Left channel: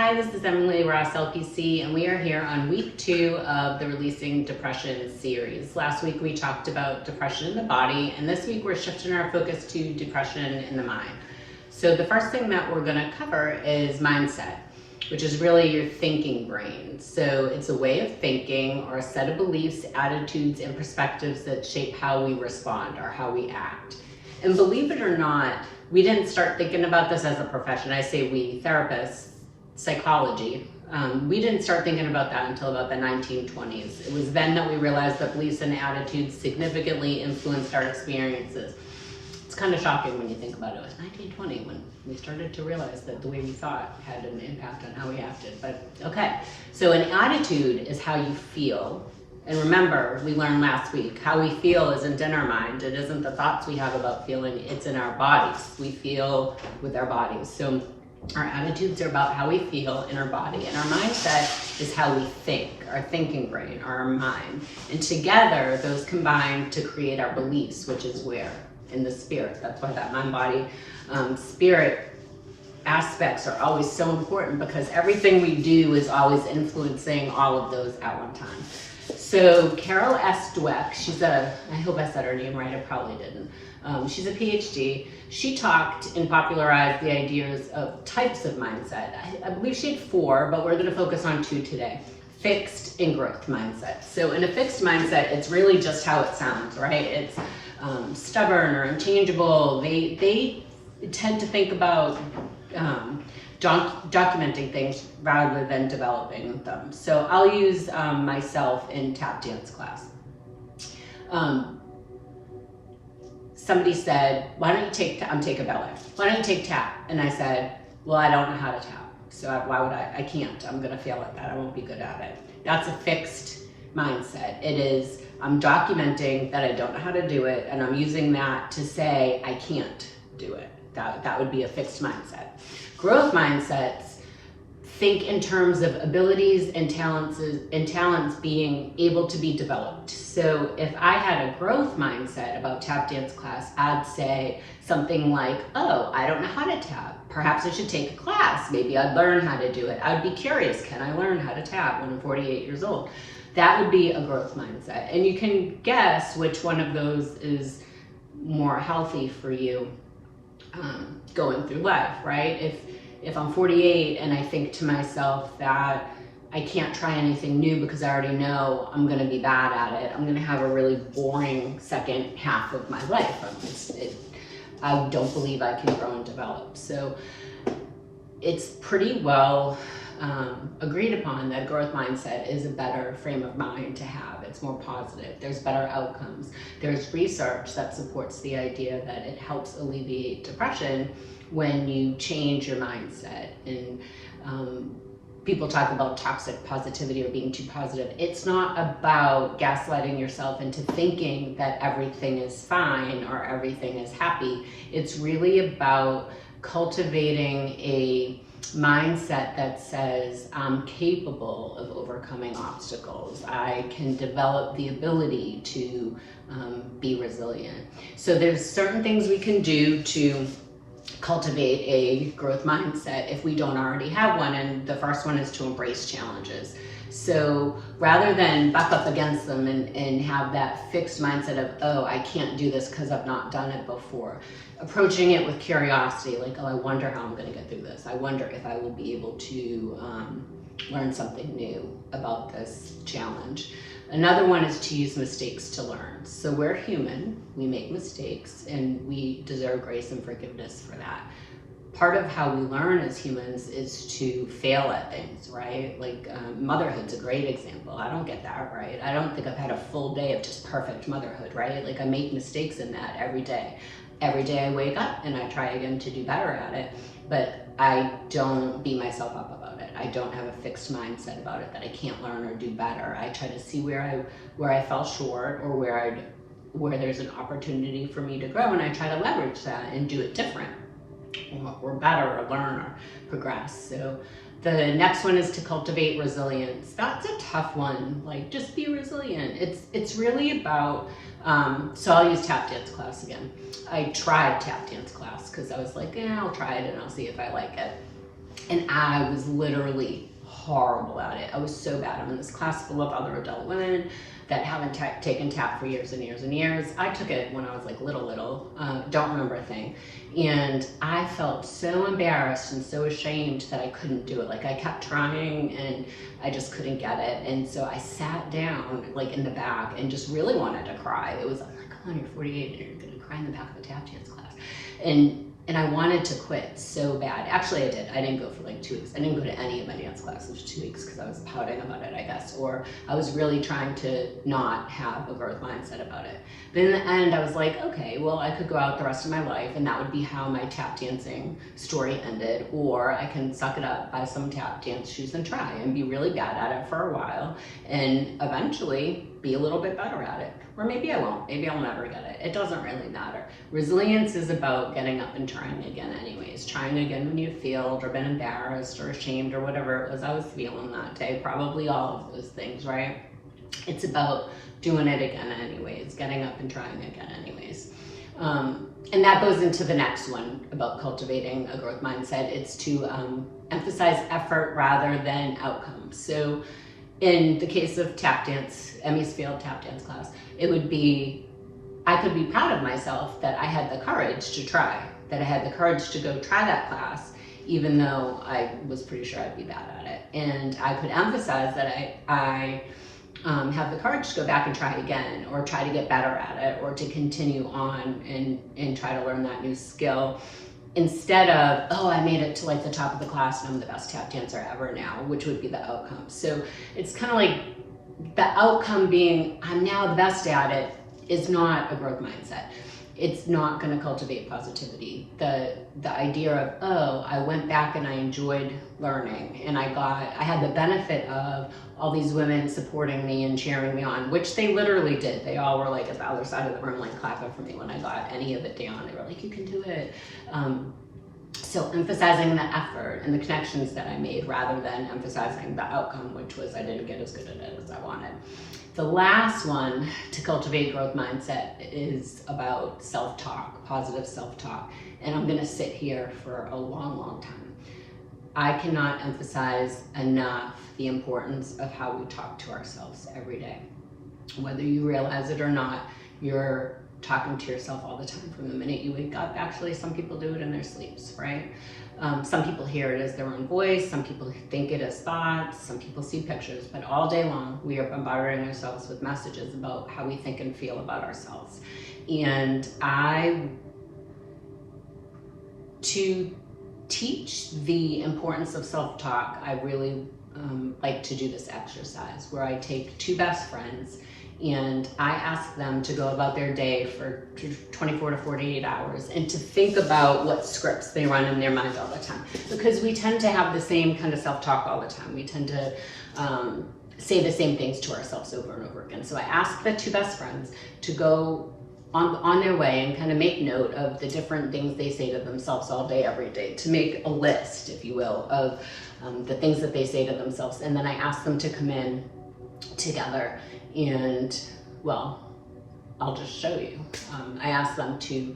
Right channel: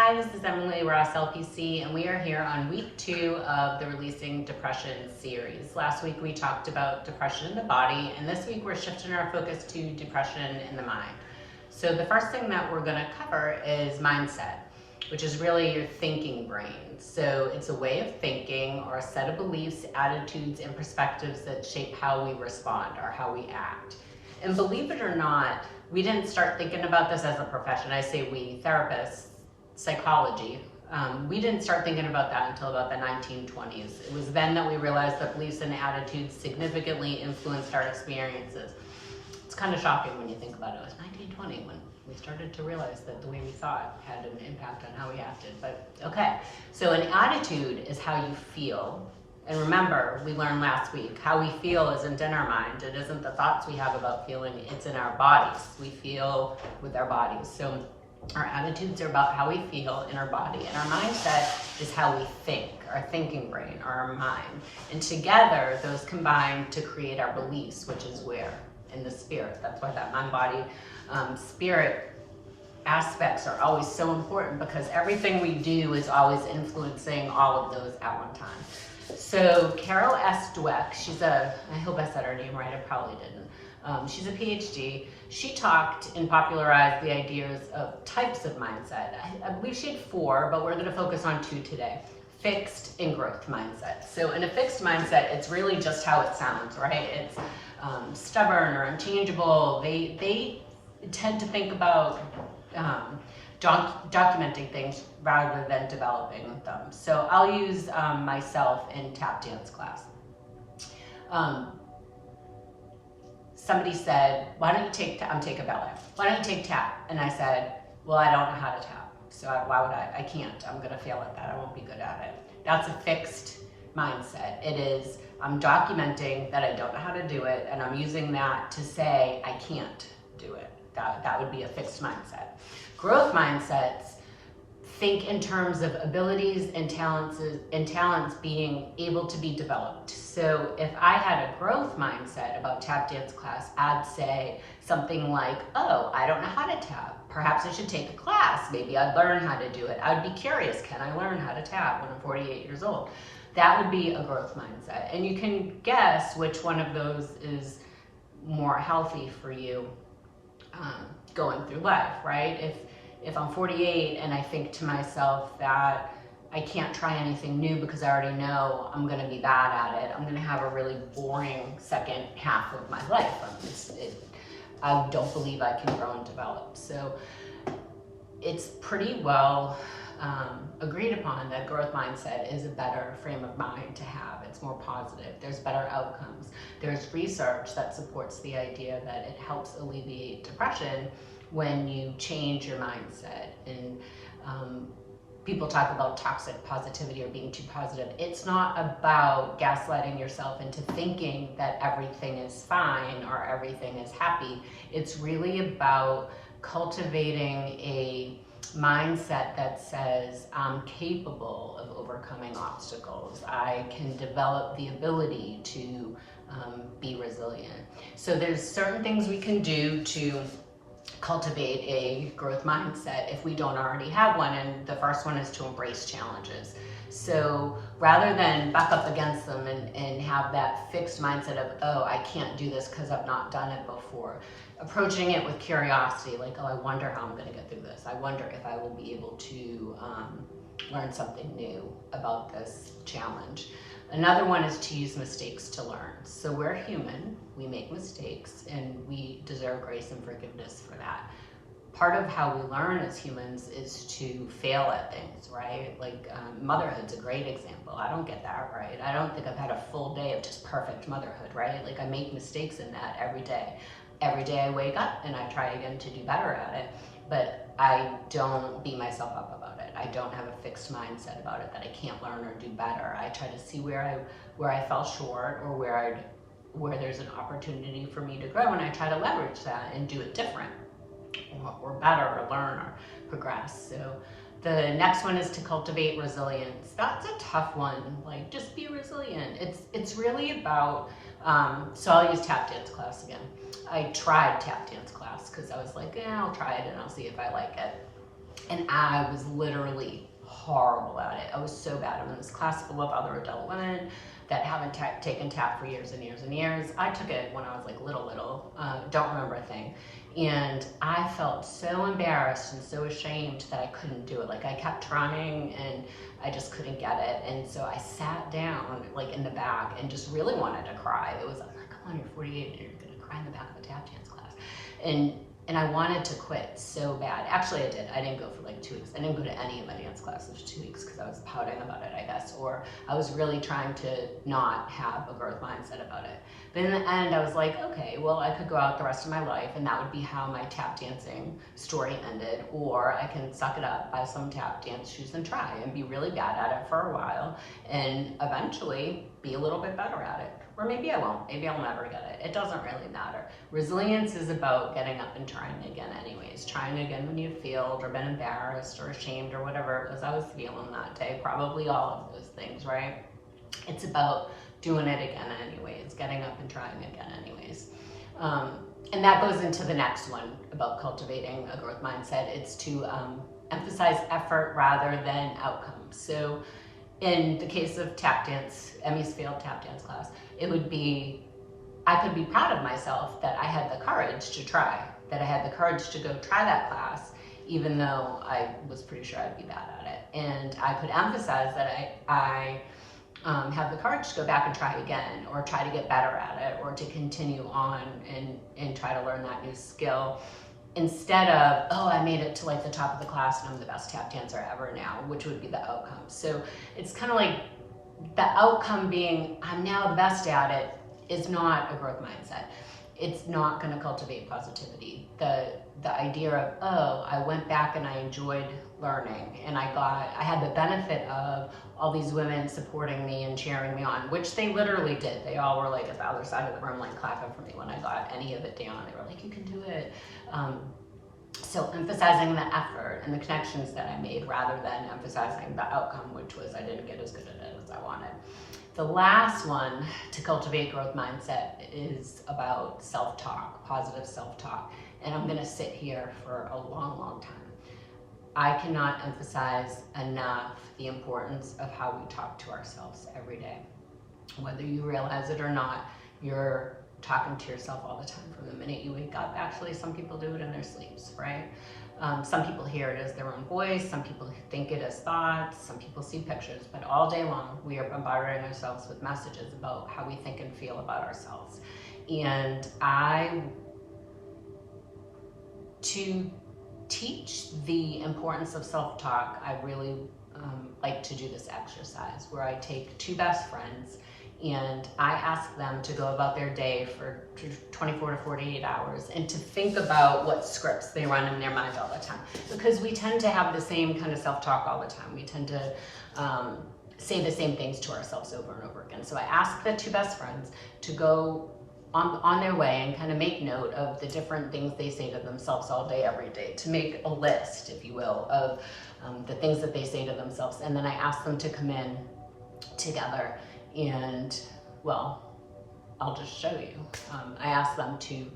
Hi, this is Emily Ross, LPC, and we are here on week 2 of the Releasing Depression series. Last week we talked about depression in the body, and this week we're shifting our focus to depression in the mind. So the first thing that we're going to cover is mindset, which is really your thinking brain. So it's a way of thinking or a set of beliefs, attitudes, and perspectives that shape how we respond or how we act. And believe it or not, we didn't start thinking about this as a profession. I say we, therapists, psychology. We didn't start thinking about that until about the 1920s. It was then that we realized that beliefs and attitudes significantly influenced our experiences. It's kind of shocking when you think about it. It was 1920 when we started to realize that the way we thought had an impact on how we acted. But okay, so an attitude is how you feel. And remember, we learned last week, how we feel isn't in our mind. It isn't the thoughts we have about feeling, it's in our bodies. We feel with our bodies. So our attitudes are about how we feel in our body, and our mindset is how we think, our thinking brain, or our mind. And together, those combine to create our beliefs, which is where? In the spirit. That's why that mind, body, spirit aspects are always so important, because everything we do is always influencing all of those at one time. So Carol S. Dweck, I hope I said her name right, I probably didn't. She's a PhD. She talked and popularized the ideas of types of mindset. I believe she had 4, but we're going to focus on 2 today. Fixed and growth mindset. So in a fixed mindset, it's really just how it sounds, right? It's stubborn or unchangeable. They tend to think about documenting things rather than developing them. So I'll use myself in tap dance class. Somebody said, why don't you take, I'm taking ballet, why don't you take tap? And I said, well, I don't know how to tap. So why would I can't, I'm gonna fail at that, I won't be good at it. That's a fixed mindset. It is, I'm documenting that I don't know how to do it, and I'm using that to say I can't do it. That would be a fixed mindset. Growth mindsets think in terms of abilities and talents being able to be developed. So if I had a growth mindset about tap dance class, I'd say something like, oh, I don't know how to tap. Perhaps I should take a class. Maybe I'd learn how to do it. I'd be curious, can I learn how to tap when I'm 48 years old? That would be a growth mindset. And you can guess which one of those is more healthy for you going through life, right? If I'm 48 and I think to myself that I can't try anything new because I already know I'm going to be bad at it, I'm going to have a really boring second half of my life. I don't believe I can grow and develop. So it's pretty well agreed upon that growth mindset is a better frame of mind to have. It's more positive. There's better outcomes. There's research that supports the idea that it helps alleviate depression when you change your mindset. And people talk about toxic positivity or being too positive. It's not about gaslighting yourself into thinking that everything is fine or everything is happy. It's really about cultivating a mindset that says I'm capable of overcoming obstacles. I can develop the ability to be resilient. So there's certain things we can do to cultivate a growth mindset if we don't already have one, and the first one is to embrace challenges. So rather than buck up against them and have that fixed mindset of, oh, I can't do this because I've not done it before, approaching it with curiosity, like, oh, I wonder how I'm going to get through this. I wonder if I will be able to learn something new about this challenge. Another one is to use mistakes to learn. So we're human, we make mistakes, and we deserve grace and forgiveness for that. Part of how we learn as humans is to fail at things, right? Like motherhood's a great example. I don't get that right. I don't think I've had a full day of just perfect motherhood, right? Like I make mistakes in that every day. Every day I wake up and I try again to do better at it, but I don't beat myself up about it. I don't have a fixed mindset about it that I can't learn or do better. I try to see where I fell short or where there's an opportunity for me to grow, and I try to leverage that and do it different or better or learn or progress. So the next one is to cultivate resilience. That's a tough one. Like, just be resilient. It's really about so I'll use tap dance class again. I tried tap dance class because I was like, yeah, I'll try it and I'll see if I like it. And I was literally horrible at it. I was so bad. I'm in this class full of other adult women that haven't taken tap for years and years and years. I took it when I was like little, don't remember a thing. And I felt so embarrassed and so ashamed that I couldn't do it. Like I kept trying and I just couldn't get it. And so I sat down like in the back and just really wanted to cry. It was, I'm like, come on, you're 48 and you're gonna cry in the back of a tap dance class. And I wanted to quit so bad. Actually, I did. I didn't go for like 2 weeks. I didn't go to any of my dance classes for 2 weeks because I was pouting about it, I guess. Or I was really trying to not have a growth mindset about it. But in the end, I was like, okay, well, I could go out the rest of my life and that would be how my tap dancing story ended. Or I can suck it up, buy some tap dance shoes and try and be really bad at it for a while and eventually be a little bit better at it. Or maybe I won't, maybe I'll never get it. It doesn't really matter. Resilience is about getting up and trying again anyways. Trying again when you failed or been embarrassed or ashamed or whatever it was I was feeling that day. Probably all of those things, right? It's about doing it again anyways, getting up and trying again anyways. And that goes into the next one about cultivating a growth mindset. It's to emphasize effort rather than outcomes. So in the case of tap dance, Emmy's failed tap dance class, it would be, I could be proud of myself that I had the courage to try, that I had the courage to go try that class, even though I was pretty sure I'd be bad at it. And I could emphasize that I have the courage to go back and try again, or try to get better at it, or to continue on and try to learn that new skill. Instead of, oh, I made it to like the top of the class and I'm the best tap dancer ever now, which would be the outcome. So it's kind of like the outcome being, I'm now the best at it, is not a growth mindset. It's not going to cultivate positivity. The idea of, oh, I went back and I enjoyed learning and I had the benefit of all these women supporting me and cheering me on, which they literally did. They all were like at the other side of the room, like clapping for me when I got any of it down. They were like, you can do it. So emphasizing the effort and the connections that I made rather than emphasizing the outcome, which was I didn't get as good at it as I wanted. The last one to cultivate growth mindset is about self-talk, positive self-talk. And I'm gonna sit here for a long, long time. I cannot emphasize enough the importance of how we talk to ourselves every day. Whether you realize it or not, you're talking to yourself all the time from the minute you wake up. Actually, some people do it in their sleeps, right? Some people hear it as their own voice, some people think it as thoughts, some people see pictures, but all day long we are bombarding ourselves with messages about how we think and feel about ourselves. And to teach the importance of self-talk, I really like to do this exercise where I take 2 best friends and I ask them to go about their day for 24 to 48 hours and to think about what scripts they run in their mind all the time. Because we tend to have the same kind of self-talk all the time. We tend to say the same things to ourselves over and over again. So I ask the 2 best friends to go on their way and kind of make note of the different things they say to themselves all day, every day, to make a list, if you will, of the things that they say to themselves. And then I ask them to come in together and, well, I'll just show you. I ask them to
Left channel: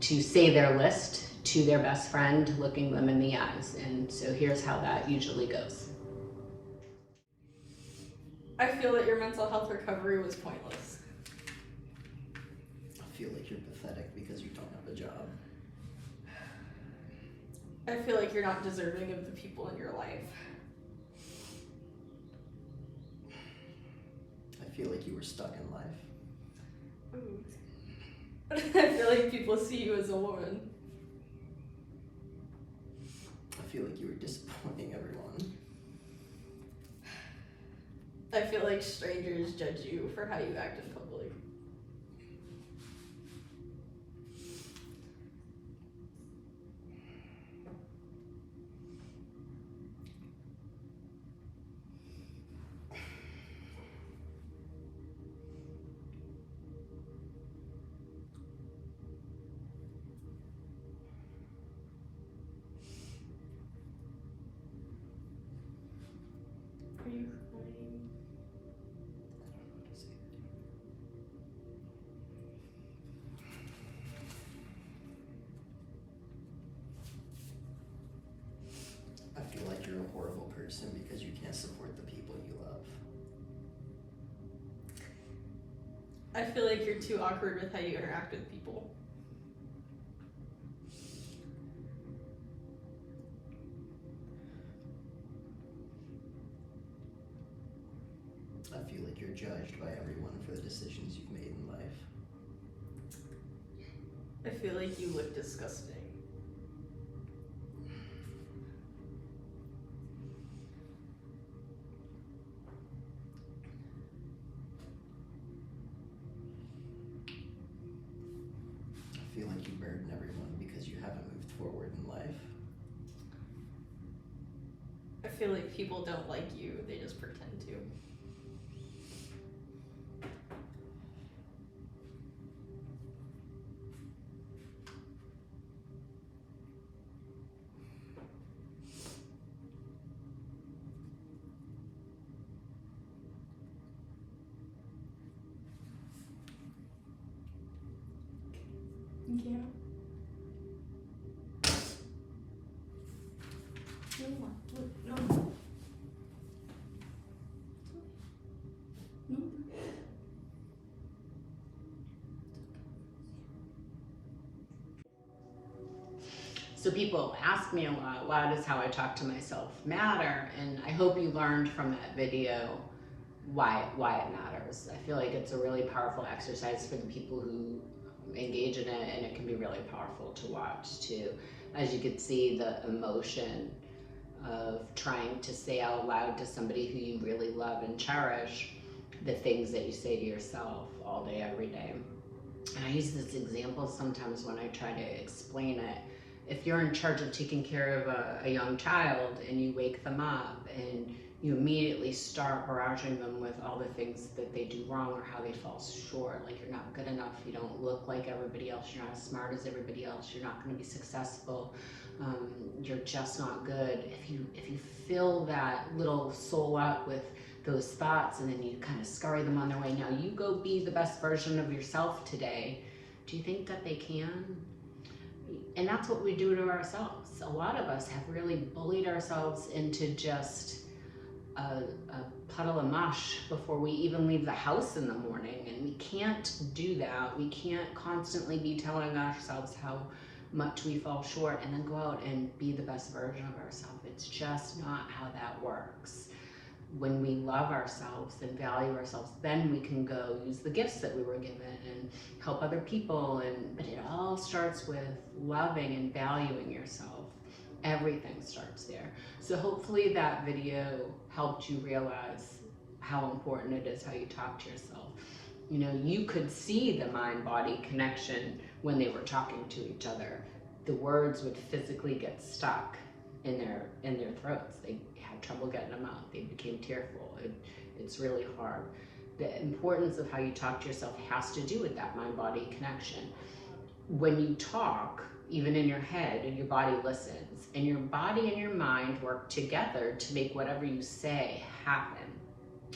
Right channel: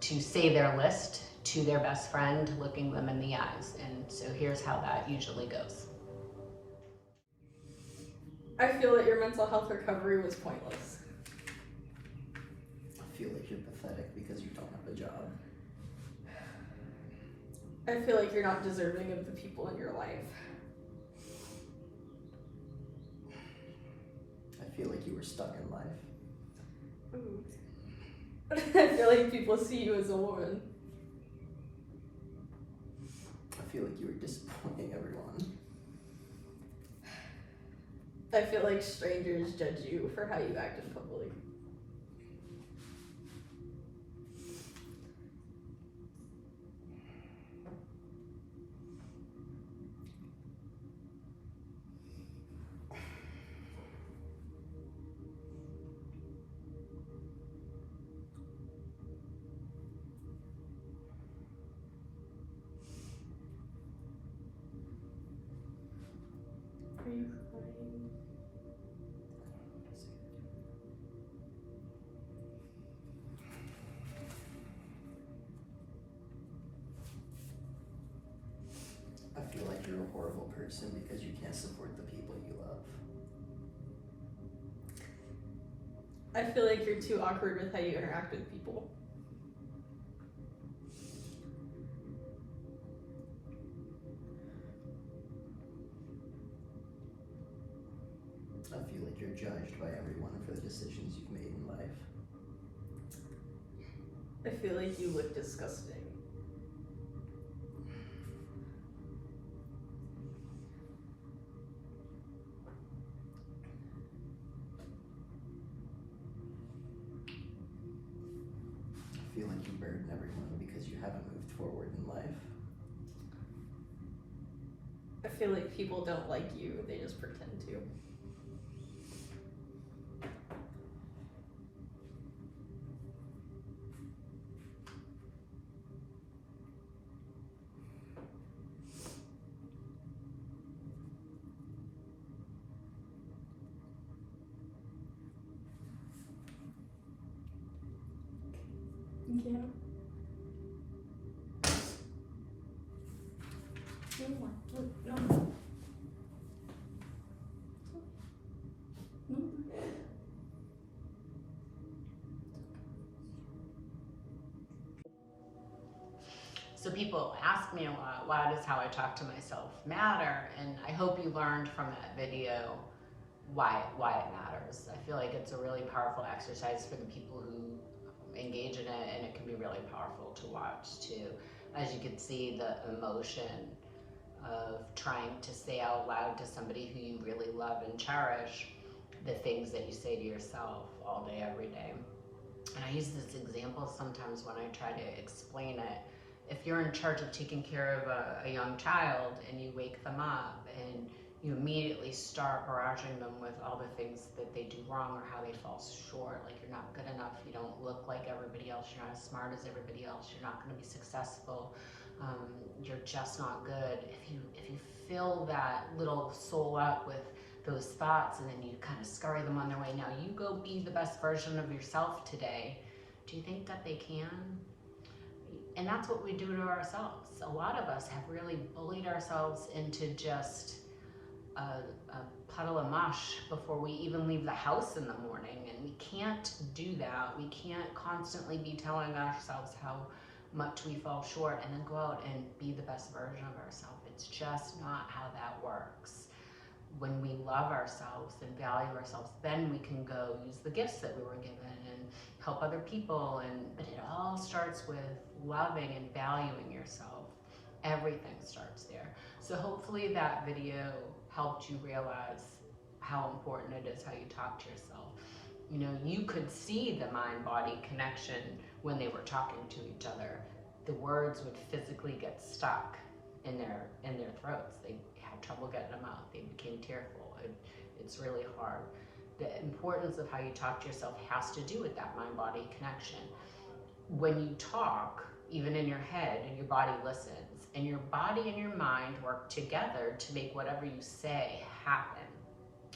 say their list to their best friend, looking them in the eyes. And so here's how that usually goes. I feel that your mental health recovery was pointless. I feel like you're pathetic because you don't have a job. I feel like you're not deserving of the people in your life. I feel like you were stuck in life. Ooh. I feel like people see you as a woman. I feel like you were disappointing everyone. I feel like strangers judge you for how you act in public. Are you crying? person because you can't support the people you love. I feel like you're too awkward with how you interact with people. I feel like you're judged by everyone for the decisions you've made in life. I feel like you look disgusting. I feel like you burden everyone because you haven't moved forward in life. I feel like people don't like you, they just pretend to. Yeah. No. So people ask me a lot, why does how I talk to myself matter? And I hope you learned from that video why it matters. I feel like it's a really powerful exercise for the people who engage in it, and it can be really powerful to watch too. As you can see, the emotion of trying to say out loud to somebody who you really love and cherish the things that you say to yourself all day, every day. And I use this example sometimes when I try to explain it. If you're in charge of taking care of a young child and you wake them up and you immediately start barraging them with all the things that they do wrong or how they fall short, like you're not good enough, you don't look like everybody else, you're not as smart as everybody else, you're not going to be successful, you're just not good. If you fill that little soul up with those thoughts and then you kind of scurry them on their way, now you go be the best version of yourself today, do you think that they can? And that's what we do to ourselves. A lot of us have really bullied ourselves into just a puddle of mush before we even leave the house in the morning. And we can't do that. We can't constantly be telling ourselves how much we fall short and then go out and be the best version of ourselves. It's just not how that works. When we love ourselves and value ourselves, then we can go use the gifts that we were given and help other people. But it all starts with loving and valuing yourself. Everything starts there. So hopefully that video helped you realize how important it is how you talk to yourself. You know, you could see the mind-body connection when they were talking to each other. The words would physically get stuck in their throats. They had trouble getting them out. They became tearful. It's really hard. The importance of how you talk to yourself has to do with that mind-body connection. When you talk, even in your head, and your body listens, and your body and your mind work together to make whatever you say happen.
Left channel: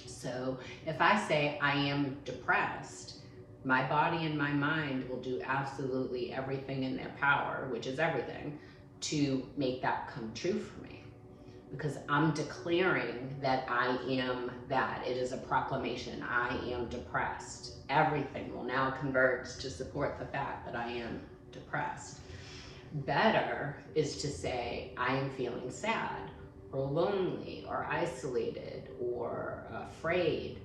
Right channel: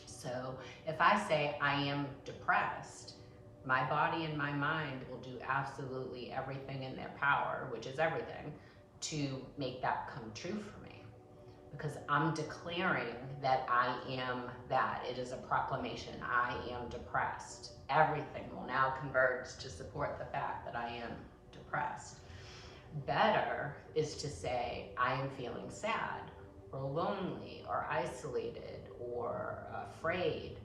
So if I say I am depressed, my body and my mind will do absolutely everything in their power, which is everything, to make that come true for me. Because I'm declaring that I am that. It is a proclamation. I am depressed. Everything will now converge to support the fact that I am depressed. Better is to say I am feeling sad or lonely or isolated or afraid.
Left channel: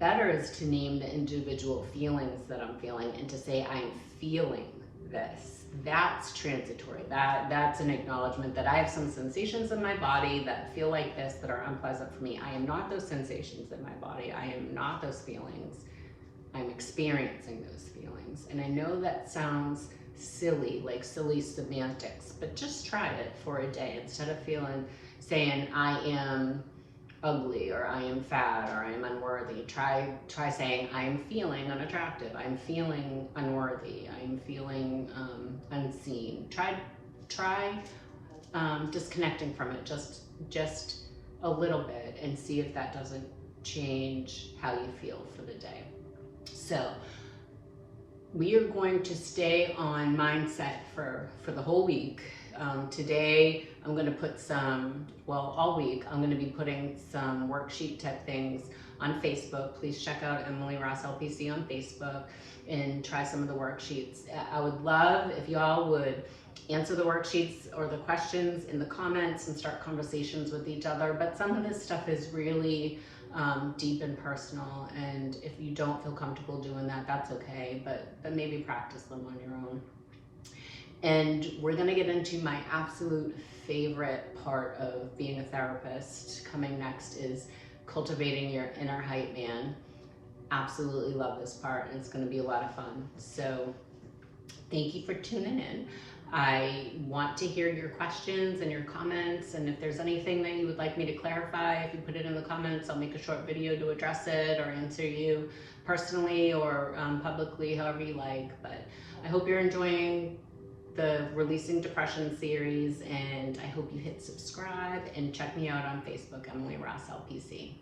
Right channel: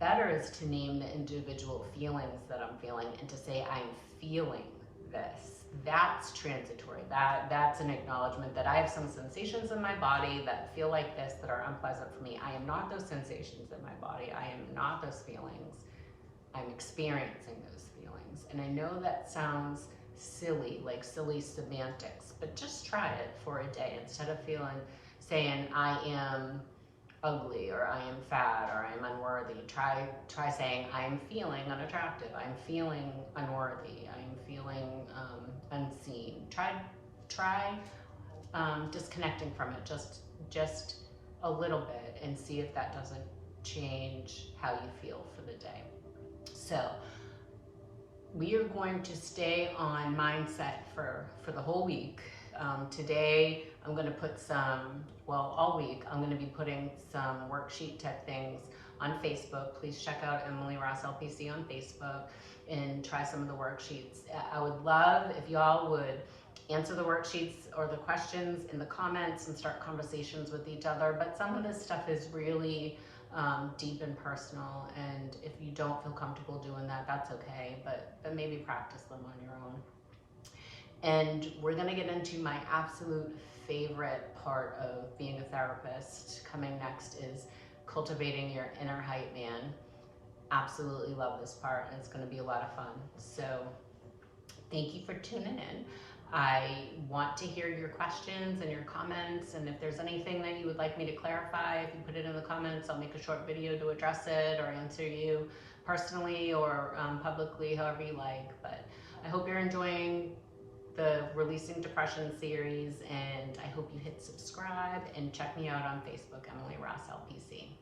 Better is to name the individual feelings that I'm feeling and to say I am feeling this. That's transitory. That's an acknowledgement that I have some sensations in my body that feel like this, that are unpleasant for me. I am not those sensations in my body. I am not those feelings. I'm experiencing those feelings. And I know that sounds silly, like silly semantics, but just try it for a day. Instead of saying I am ugly or I am fat or I am unworthy, try saying I am feeling unattractive, I'm feeling unworthy, I'm feeling unseen. Try disconnecting from it just a little bit and see if that doesn't change how you feel for the day. So we are going to stay on mindset for the whole week. Today I'm going to put all week, I'm going to be putting some worksheet type things on Facebook. Please check out Emily Ross LPC on Facebook and try some of the worksheets. I would love if y'all would answer the worksheets or the questions in the comments and start conversations with each other. But some of this stuff is really deep and personal, and if you don't feel comfortable doing that, that's okay, but maybe practice them on your own. And we're gonna get into my absolute favorite part of being a therapist. Coming next is cultivating your inner hype man. Absolutely love this part, and it's gonna be a lot of fun. So thank you for tuning in. I want to hear your questions and your comments, and if there's anything that you would like me to clarify, if you put it in the comments, I'll make a short video to address it or answer you personally or publicly, however you like. But I hope you're enjoying the Releasing Depression series, and I hope you hit subscribe and check me out on Facebook, Emily Ross LPC.